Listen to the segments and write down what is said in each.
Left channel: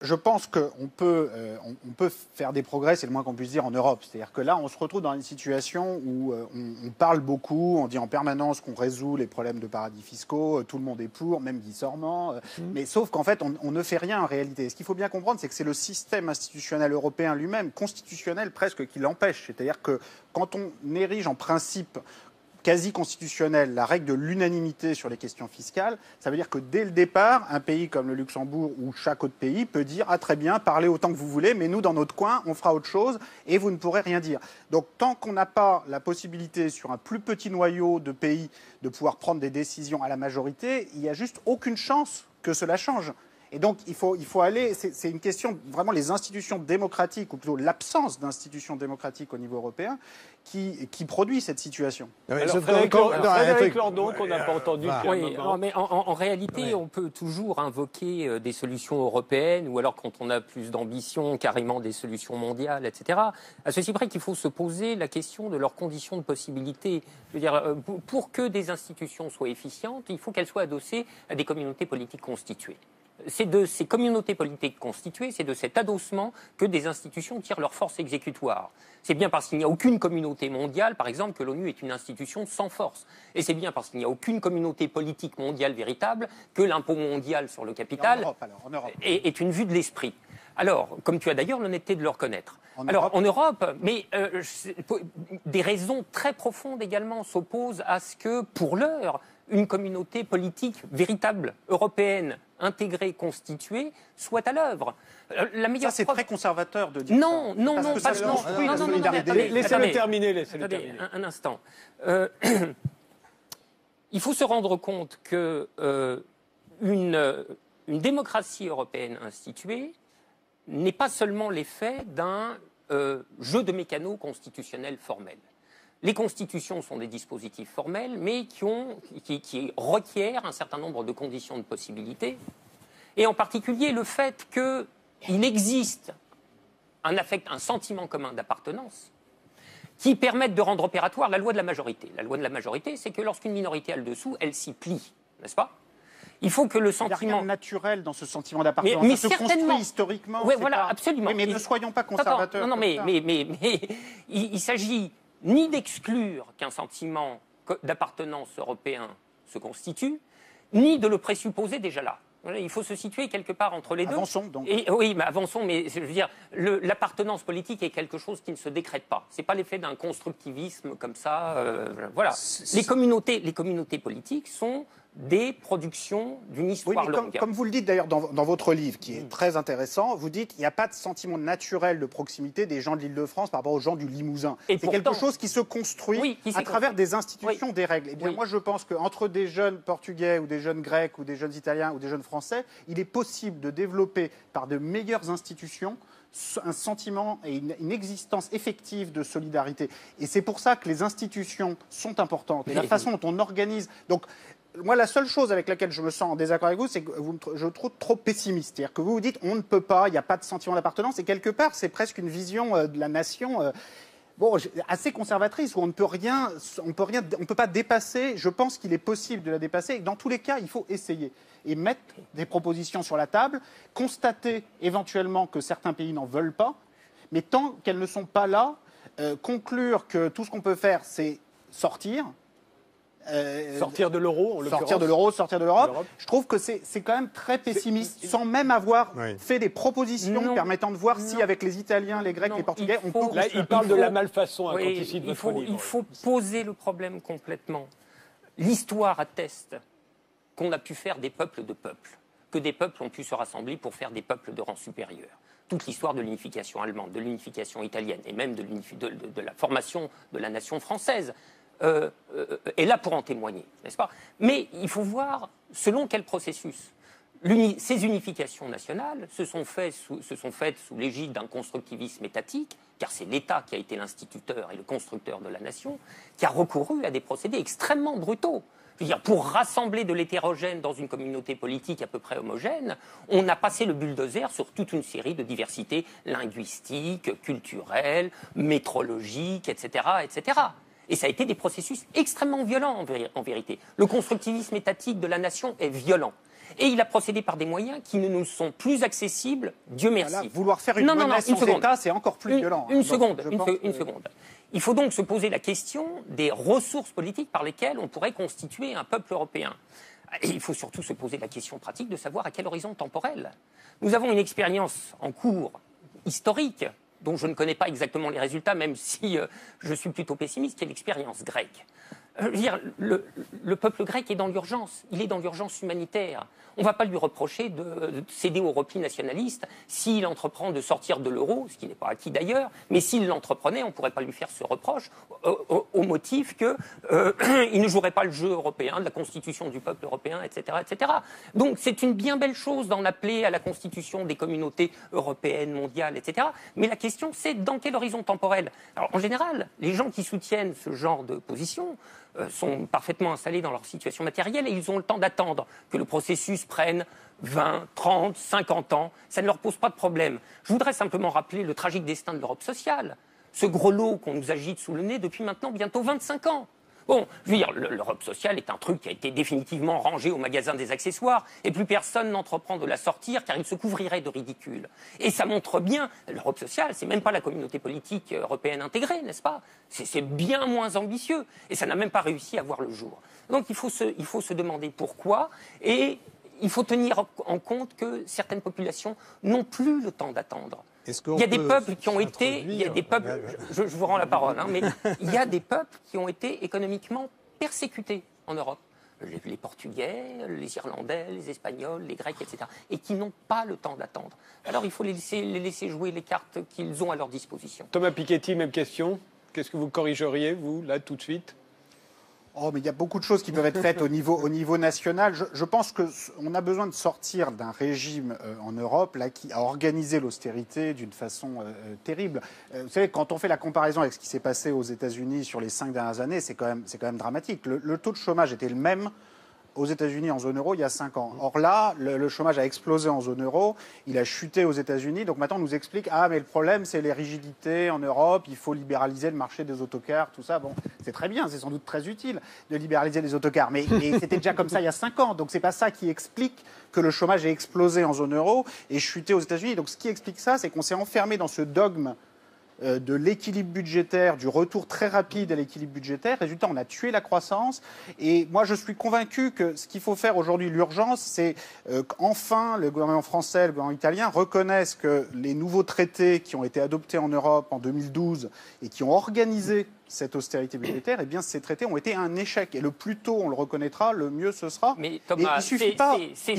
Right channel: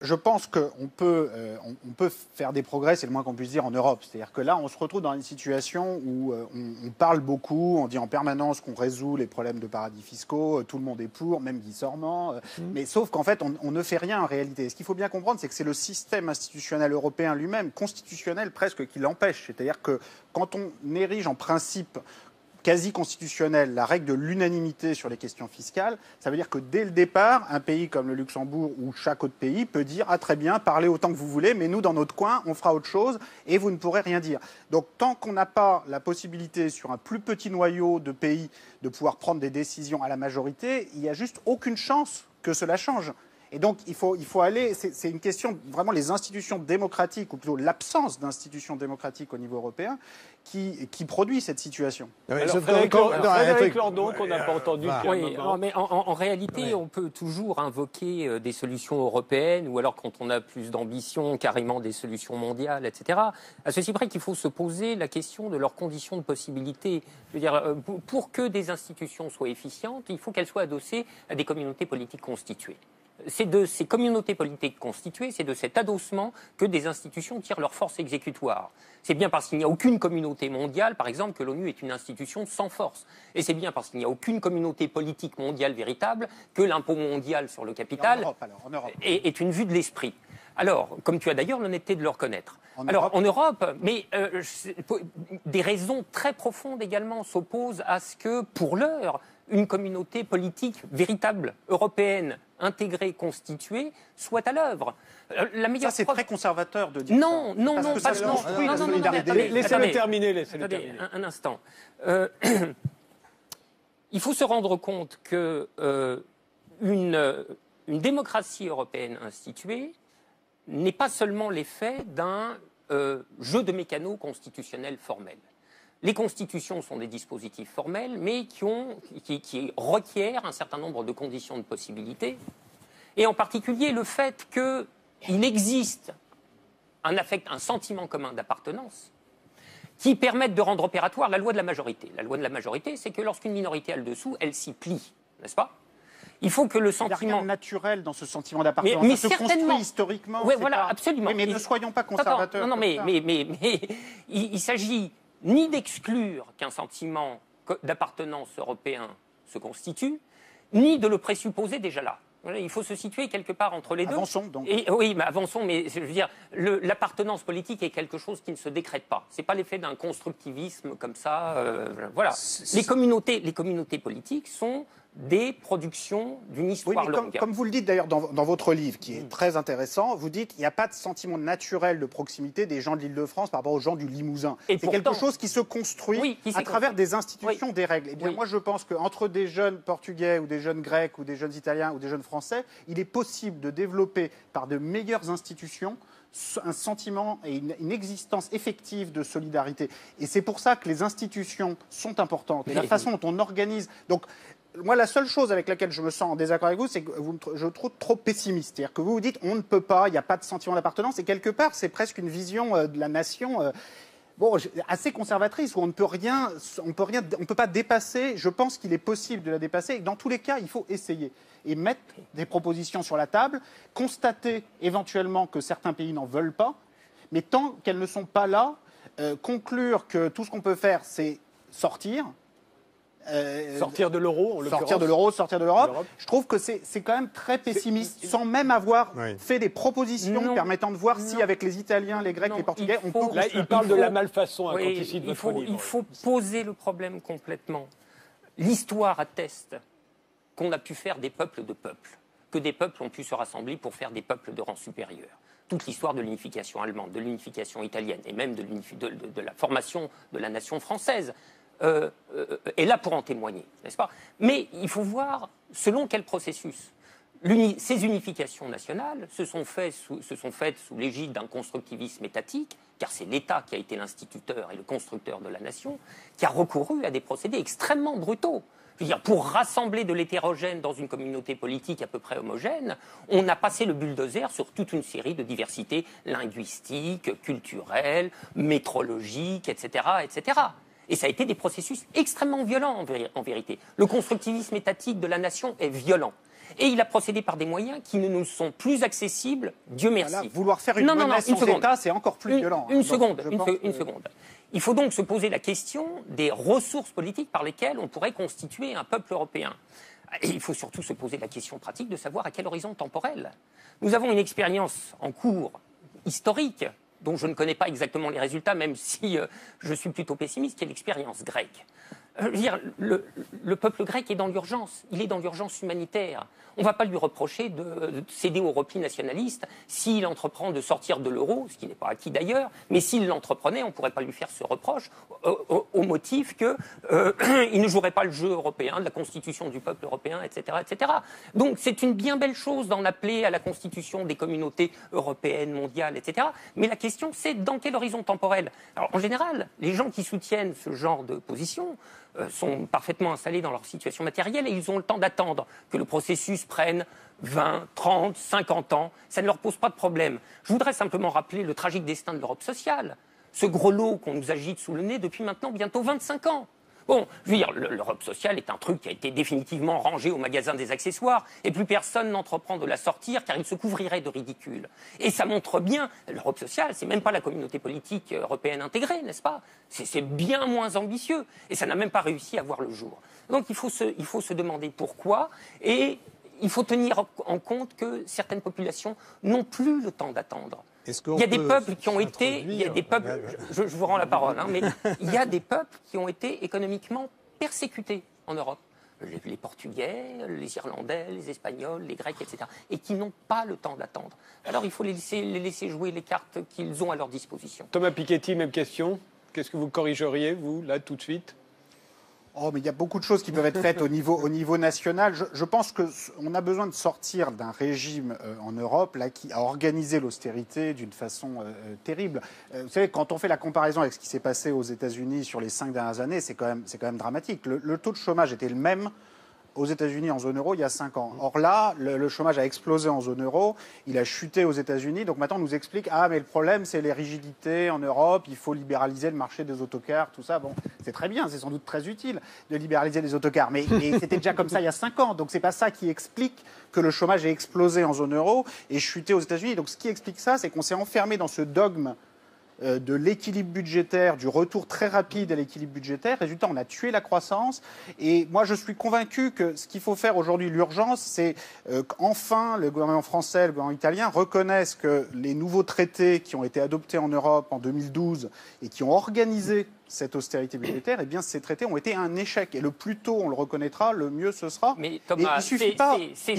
Je pense qu'on peut, on peut faire des progrès, c'est le moins qu'on puisse dire, en Europe. C'est-à-dire que là, on se retrouve dans une situation où on parle beaucoup, on dit en permanence qu'on résout les problèmes de paradis fiscaux, tout le monde est pour, même Guy Sormand. Mais sauf qu'en fait, on ne fait rien en réalité. Ce qu'il faut bien comprendre, c'est que c'est le système institutionnel européen lui-même, constitutionnel presque, qui l'empêche. C'est-à-dire que quand on érige en principe quasi constitutionnelle la règle de l'unanimité sur les questions fiscales, ça veut dire que dès le départ, un pays comme le Luxembourg ou chaque autre pays peut dire « Ah très bien, parlez autant que vous voulez, mais nous, dans notre coin, on fera autre chose et vous ne pourrez rien dire ». Donc tant qu'on n'a pas la possibilité sur un plus petit noyau de pays de pouvoir prendre des décisions à la majorité, il n'y a juste aucune chance que cela change. Et donc, il faut aller, c'est une question, vraiment, les institutions démocratiques, ou plutôt l'absence d'institutions démocratiques au niveau européen, qui produit cette situation. Frédéric Lordon, qu'on n'a pas entendu depuis un moment. Mais en réalité, on peut toujours invoquer des solutions européennes, ou alors, quand on a plus d'ambition, carrément des solutions mondiales, etc. À ceci près qu'il faut se poser la question de leurs conditions de possibilité. Je veux dire, pour que des institutions soient efficientes, il faut qu'elles soient adossées à des communautés politiques constituées. C'est de ces communautés politiques constituées, c'est de cet adossement que des institutions tirent leur force exécutoire. C'est bien parce qu'il n'y a aucune communauté mondiale, par exemple, que l'ONU est une institution sans force. Et c'est bien parce qu'il n'y a aucune communauté politique mondiale véritable que l'impôt mondial sur le capital en Europe. Est une vue de l'esprit. Alors, comme tu as d'ailleurs l'honnêteté de le reconnaître. En Europe, mais des raisons très profondes également s'opposent à ce que, pour l'heure, une communauté politique véritable, européenne, intégrée, constituée, soit à l'œuvre. Ça, c'est très conservateur de dire ça. Non. Laissez-le terminer. Un instant. Il faut se rendre compte que une démocratie européenne instituée n'est pas seulement l'effet d'un jeu de mécanos constitutionnels formels. Les constitutions sont des dispositifs formels, mais qui requièrent un certain nombre de conditions de possibilité, et en particulier le fait qu'il existe un sentiment commun d'appartenance qui permette de rendre opératoire la loi de la majorité. La loi de la majorité, c'est que lorsqu'une minorité a le dessous, elle s'y plie, n'est-ce pas ? Il faut que le sentiment... Il y a rien de naturel dans ce sentiment d'appartenance. Mais ça se construit historiquement. Oui, voilà, absolument. Mais ne soyons pas conservateurs. Non, mais il s'agit ni d'exclure qu'un sentiment d'appartenance européen se constitue, ni de le présupposer déjà là. Il faut se situer quelque part entre les deux. Avançons donc. Oui, mais avançons, mais je veux dire, l'appartenance politique est quelque chose qui ne se décrète pas. Ce n'est pas l'effet d'un constructivisme comme ça. Voilà. Les communautés politiques sont des productions d'une histoire longue. Comme vous le dites d'ailleurs dans votre livre, qui est très intéressant, vous dites qu'il n'y a pas de sentiment naturel de proximité des gens de l'Île-de-France par rapport aux gens du Limousin. C'est quelque chose qui se construit à travers des institutions, des règles. Eh bien, moi, je pense qu'entre des jeunes Portugais ou des jeunes Grecs ou des jeunes Italiens ou des jeunes Français, il est possible de développer par de meilleures institutions un sentiment et une existence effective de solidarité. Et c'est pour ça que les institutions sont importantes. Et la façon dont on organise... Donc, moi, la seule chose avec laquelle je me sens en désaccord avec vous, c'est que je trouve trop pessimiste. C'est-à-dire que vous vous dites, on ne peut pas, il n'y a pas de sentiment d'appartenance, et quelque part, c'est presque une vision de la nation assez conservatrice, où on ne peut rien, on peut pas dépasser. Je pense qu'il est possible de la dépasser, et dans tous les cas, il faut essayer et mettre des propositions sur la table, constater éventuellement que certains pays n'en veulent pas, mais tant qu'elles ne sont pas là, conclure que tout ce qu'on peut faire, c'est sortir. Sortir de l'euro, sortir de l'Europe. Je trouve que c'est quand même très pessimiste, sans même avoir fait des propositions permettant de voir si, avec les Italiens, les Grecs, les Portugais, on peut... Là, il parle de la malfaçon quand il cite votre livre. Il faut poser le problème complètement. L'histoire atteste qu'on a pu faire des peuples de peuples, que des peuples ont pu se rassembler pour faire des peuples de rang supérieur. Toute l'histoire de l'unification allemande, de l'unification italienne, et même de la formation de la nation française, est là pour en témoigner, n'est-ce pas? Mais il faut voir selon quel processus. Ces unifications nationales se sont faites sous l'égide d'un constructivisme étatique, car c'est l'État qui a été l'instituteur et le constructeur de la nation, qui a recouru à des procédés extrêmement brutaux. Je veux dire, pour rassembler de l'hétérogène dans une communauté politique à peu près homogène, on a passé le bulldozer sur toute une série de diversités linguistiques, culturelles, métrologiques, etc., etc. Et ça a été des processus extrêmement violents en vérité. Le constructivisme étatique de la nation est violent. Et il a procédé par des moyens qui ne nous sont plus accessibles, Dieu merci. Là, vouloir faire une menace sans État, c'est encore plus violent. Une seconde. Il faut donc se poser la question des ressources politiques par lesquelles on pourrait constituer un peuple européen. Et il faut surtout se poser la question pratique de savoir à quel horizon temporel. Nous avons une expérience en cours historique, dont je ne connais pas exactement les résultats, même si je suis plutôt pessimiste, qui est l'expérience grecque. Je veux dire, le peuple grec est dans l'urgence, il est dans l'urgence humanitaire. On ne va pas lui reprocher de céder au repli nationaliste s'il entreprend de sortir de l'euro, ce qui n'est pas acquis d'ailleurs, mais s'il l'entreprenait, on ne pourrait pas lui faire ce reproche au motif qu'il ne jouerait pas le jeu européen, de la constitution du peuple européen, etc. etc. Donc c'est une bien belle chose d'en appeler à la constitution des communautés européennes, mondiales, etc. Mais la question c'est dans quel horizon temporel? Alors en général, les gens qui soutiennent ce genre de position sont parfaitement installés dans leur situation matérielle et ils ont le temps d'attendre que le processus prenne 20, 30, 50 ans. Ça ne leur pose pas de problème. Je voudrais simplement rappeler le tragique destin de l'Europe sociale, ce gros lot qu'on nous agite sous le nez depuis maintenant bientôt 25 ans. Bon, je veux dire, l'Europe sociale est un truc qui a été définitivement rangé au magasin des accessoires et plus personne n'entreprend de la sortir car il se couvrirait de ridicule. Et ça montre bien, l'Europe sociale, c'est même pas la communauté politique européenne intégrée, n'est-ce pas? C'est bien moins ambitieux et ça n'a même pas réussi à voir le jour. Donc il faut se demander pourquoi et il faut tenir en compte que certaines populations n'ont plus le temps d'attendre. Il y a des peuples qui ont été, je vous rends la parole, mais il y a des peuples qui ont été économiquement persécutés en Europe. Les Portugais, les Irlandais, les Espagnols, les Grecs, etc. Et qui n'ont pas le temps d'attendre. Alors il faut les laisser jouer les cartes qu'ils ont à leur disposition. Thomas Piketty, même question. Qu'est-ce que vous corrigeriez, vous, là, tout de suite ? Oh, mais il y a beaucoup de choses qui peuvent être faites au niveau national. Je pense qu'on a besoin de sortir d'un régime en Europe là, qui a organisé l'austérité d'une façon terrible. Vous savez, quand on fait la comparaison avec ce qui s'est passé aux États-Unis sur les 5 dernières années, c'est quand même dramatique. Le taux de chômage était le même aux États-Unis en zone euro il y a 5 ans. Or là, le chômage a explosé en zone euro, il a chuté aux États-Unis. Donc maintenant, on nous explique mais le problème, c'est les rigidités en Europe, il faut libéraliser le marché des autocars, tout ça. Bon, c'est très bien, c'est sans doute très utile de libéraliser les autocars. Mais c'était déjà comme ça il y a 5 ans. Donc c'est pas ça qui explique que le chômage ait explosé en zone euro et chuté aux États-Unis. Donc ce qui explique ça, c'est qu'on s'est enfermé dans ce dogme de l'équilibre budgétaire, du retour très rapide à l'équilibre budgétaire. Résultat, on a tué la croissance. Et moi, je suis convaincu que ce qu'il faut faire aujourd'hui, l'urgence, c'est qu'enfin le gouvernement français, le gouvernement italien reconnaissent que les nouveaux traités qui ont été adoptés en Europe en 2012 et qui ont organisé cette austérité budgétaire, eh bien, ces traités ont été un échec. Et le plus tôt on le reconnaîtra, le mieux ce sera. Mais Thomas, ces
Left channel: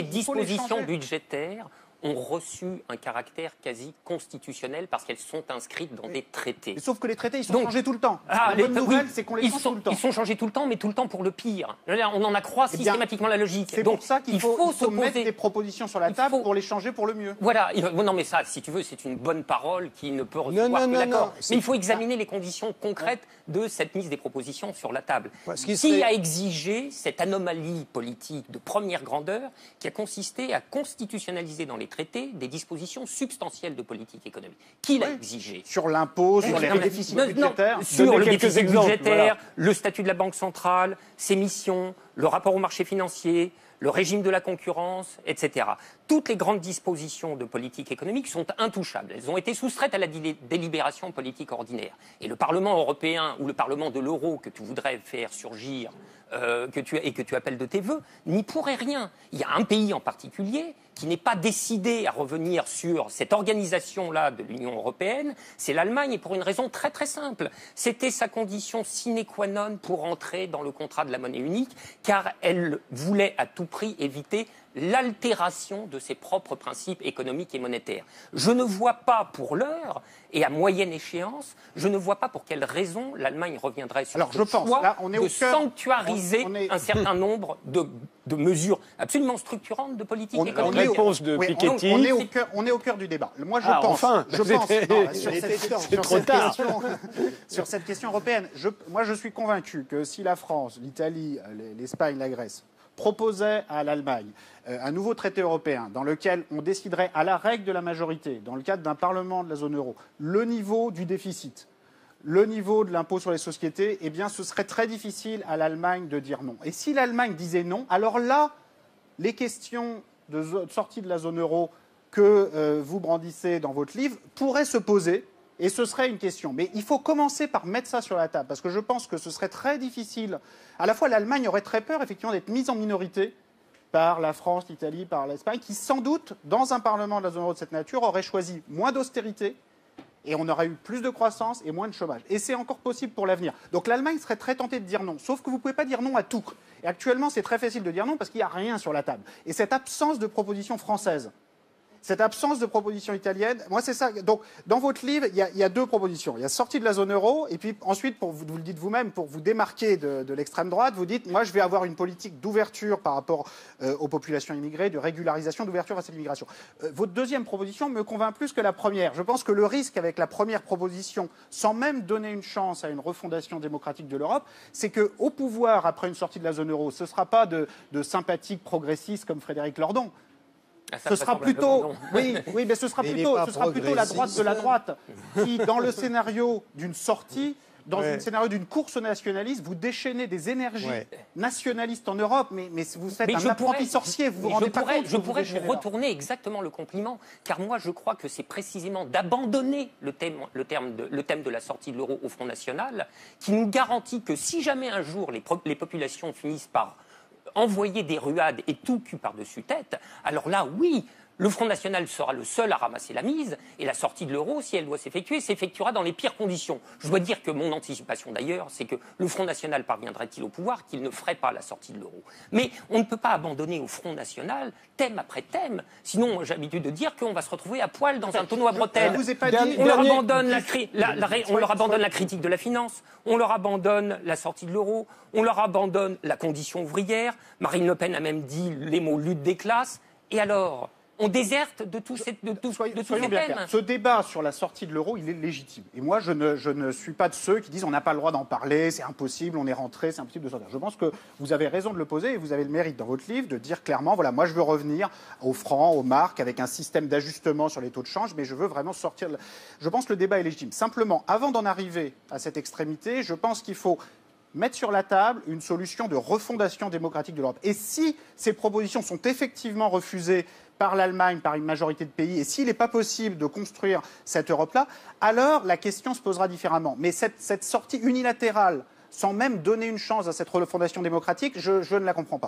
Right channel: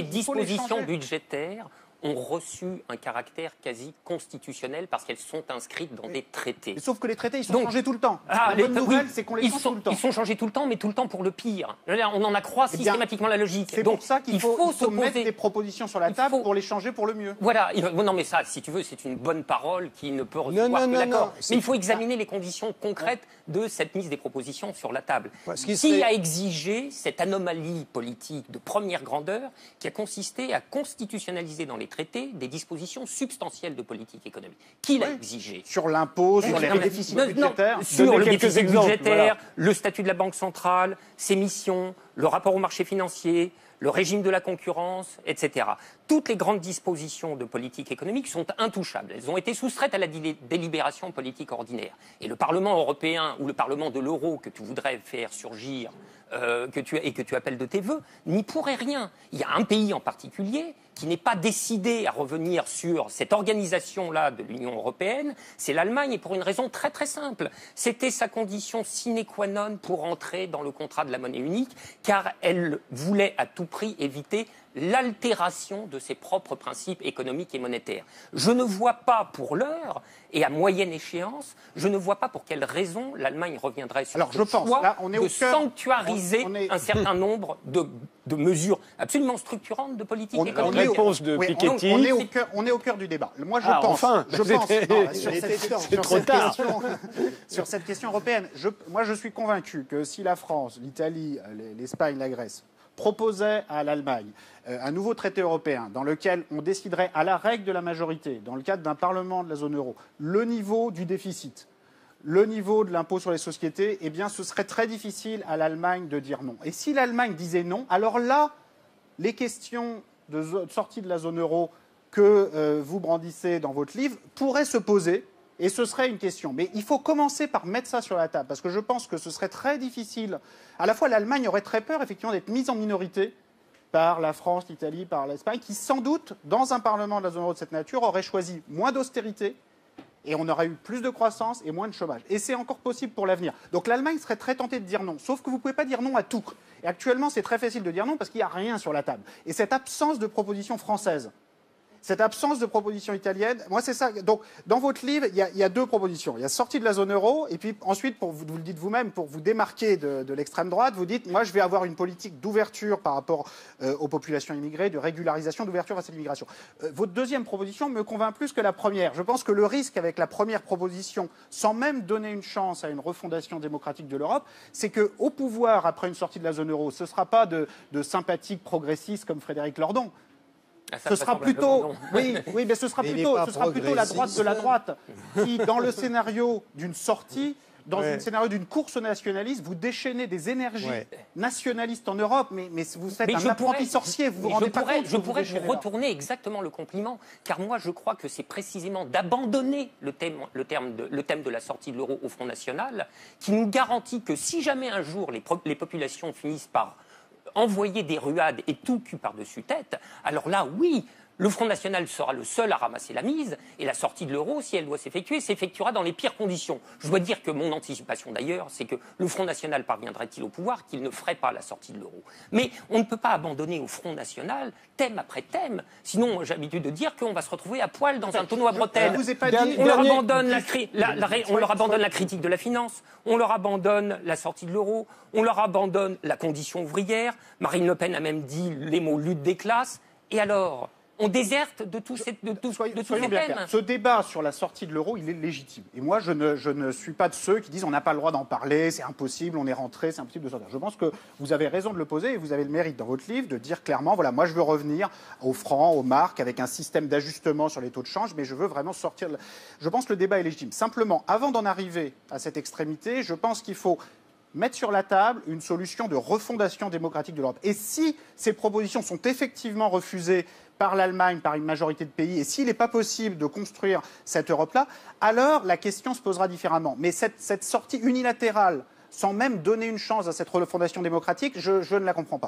dispositions budgétaires ont reçu un caractère quasi constitutionnel parce qu'elles sont inscrites dans des traités. Mais sauf que les traités, ils sont changés tout le temps. La bonne nouvelle, c'est qu'on les change tout le temps. Ils sont changés tout le temps, mais tout le temps pour le pire. On en accroît systématiquement la logique. C'est pour ça qu'il faut mettre des propositions sur la table pour les changer pour le mieux. Voilà. Non, mais ça, si tu veux, c'est une bonne parole qui ne peut recevoir que l'accord. Mais il faut examiner les conditions concrètes de cette mise des propositions sur la table. Qui a exigé cette anomalie politique de première grandeur qui a consisté à constitutionnaliser dans les traités des dispositions substantielles de politique économique. Qui l'a exigé? Sur l'impôt, sur les déficits budgétaires. Sur le déficit budgétaire, le statut de la Banque centrale, ses missions, le rapport au marché financier, le régime de la concurrence, etc. Toutes les grandes dispositions de politique économique sont intouchables. Elles ont été soustraites à la délibération politique ordinaire. Et le Parlement européen ou le Parlement de l'euro que tu voudrais faire surgir que tu appelles de tes vœux, n'y pourrait rien. Il y a un pays en particulier qui n'est pas décidé à revenir sur cette organisation-là de l'Union européenne, c'est l'Allemagne, et pour une raison très très simple. C'était sa condition sine qua non pour entrer dans le contrat de la monnaie unique, car elle voulait à tout prix éviter l'altération de ses propres principes économiques et monétaires. Je ne vois pas pour l'heure, et à moyenne échéance, je ne vois pas pour quelle raison l'Allemagne reviendrait sur ce choix de sanctuariser un certain nombre de mesures absolument structurantes de politique économique. Réponse de Piketty. On est au cœur du débat. Moi, sur cette question européenne, moi, je suis convaincu que si la France, l'Italie, l'Espagne, la Grèce proposait à l'Allemagne un nouveau traité européen dans lequel on déciderait à la règle de la majorité, dans le cadre d'un parlement de la zone euro, le niveau du déficit, le niveau de l'impôt sur les sociétés, eh bien ce serait très difficile à l'Allemagne de dire non. Et si l'Allemagne disait non, alors là, les questions de sortie de la zone euro que vous brandissez dans votre livre pourraient se poser, et ce serait une question. Mais il faut commencer par mettre ça sur la table, parce que je pense que ce serait très difficile. À la fois, l'Allemagne aurait très peur, effectivement, d'être mise en minorité par la France, l'Italie, par l'Espagne, qui, sans doute, dans un Parlement de la zone euro de cette nature, aurait choisi moins d'austérité, et on aurait eu plus de croissance et moins de chômage. Et c'est encore possible pour l'avenir. Donc l'Allemagne serait très tentée de dire non. Sauf que vous ne pouvez pas dire non à tout. Et actuellement, c'est très facile de dire non parce qu'il n'y a rien sur la table. Et cette absence de proposition française, cette absence de proposition italienne, moi c'est ça. Donc dans votre livre, il y a deux propositions. Il y a sortie de la zone euro, et puis ensuite, vous le dites vous-même, pour vous démarquer de l'extrême droite, vous dites, moi je vais avoir une politique d'ouverture par rapport aux populations immigrées, de régularisation, d'ouverture à cette immigration. Votre deuxième proposition me convainc plus que la première. Je pense que le risque avec la première proposition, sans même donner une chance à une refondation démocratique de l'Europe, c'est qu'au pouvoir, après une sortie de la zone euro, ce ne sera pas de sympathiques progressistes comme Frédéric Lordon. Ce sera plutôt, oui, mais ce sera plutôt la droite de la droite qui, dans le scénario d'une sortie, dans le scénario d'une course nationaliste, vous déchaînez des énergies nationalistes en Europe, mais vous êtes un apprenti sorcier, vous vous rendez pas compte. Je pourrais vous retourner exactement le compliment, car moi je crois que c'est précisément d'abandonner le thème de la sortie de l'euro au Front National qui nous garantit que si jamais un jour les populations finissent par envoyer des ruades et tout cul par-dessus tête, alors là, oui, le Front National sera le seul à ramasser la mise, et la sortie de l'euro, si elle doit s'effectuer, s'effectuera dans les pires conditions. Je dois dire que mon anticipation d'ailleurs, c'est que le Front National parviendrait-il au pouvoir, qu'il ne ferait pas la sortie de l'euro. Mais on ne peut pas abandonner au Front National, thème après thème, sinon j'ai l'habitude de dire qu'on va se retrouver à poil dans un tonneau à bretelles. On leur abandonne la critique de la finance, on leur abandonne la sortie de l'euro, on leur abandonne la condition ouvrière, Marine Le Pen a même dit les mots lutte des classes, et alors on déserte de tous ces thèmes. Ce débat sur la sortie de l'euro, il est légitime. Et moi, je ne suis pas de ceux qui disent on n'a pas le droit d'en parler, c'est impossible, on est rentré, c'est impossible de sortir. Je pense que vous avez raison de le poser et vous avez le mérite dans votre livre de dire clairement, voilà, moi je veux revenir au franc, aux marques, avec un système d'ajustement sur les taux de change, mais je veux vraiment sortir. Je pense que le débat est légitime. Simplement, avant d'en arriver à cette extrémité, je pense qu'il faut mettre sur la table une solution de refondation démocratique de l'Europe. Et si ces propositions sont effectivement refusées par l'Allemagne, par une majorité de pays, et s'il n'est pas possible de construire cette Europe-là, alors la question se posera différemment. Mais cette sortie unilatérale, sans même donner une chance à cette refondation démocratique, je ne la comprends pas.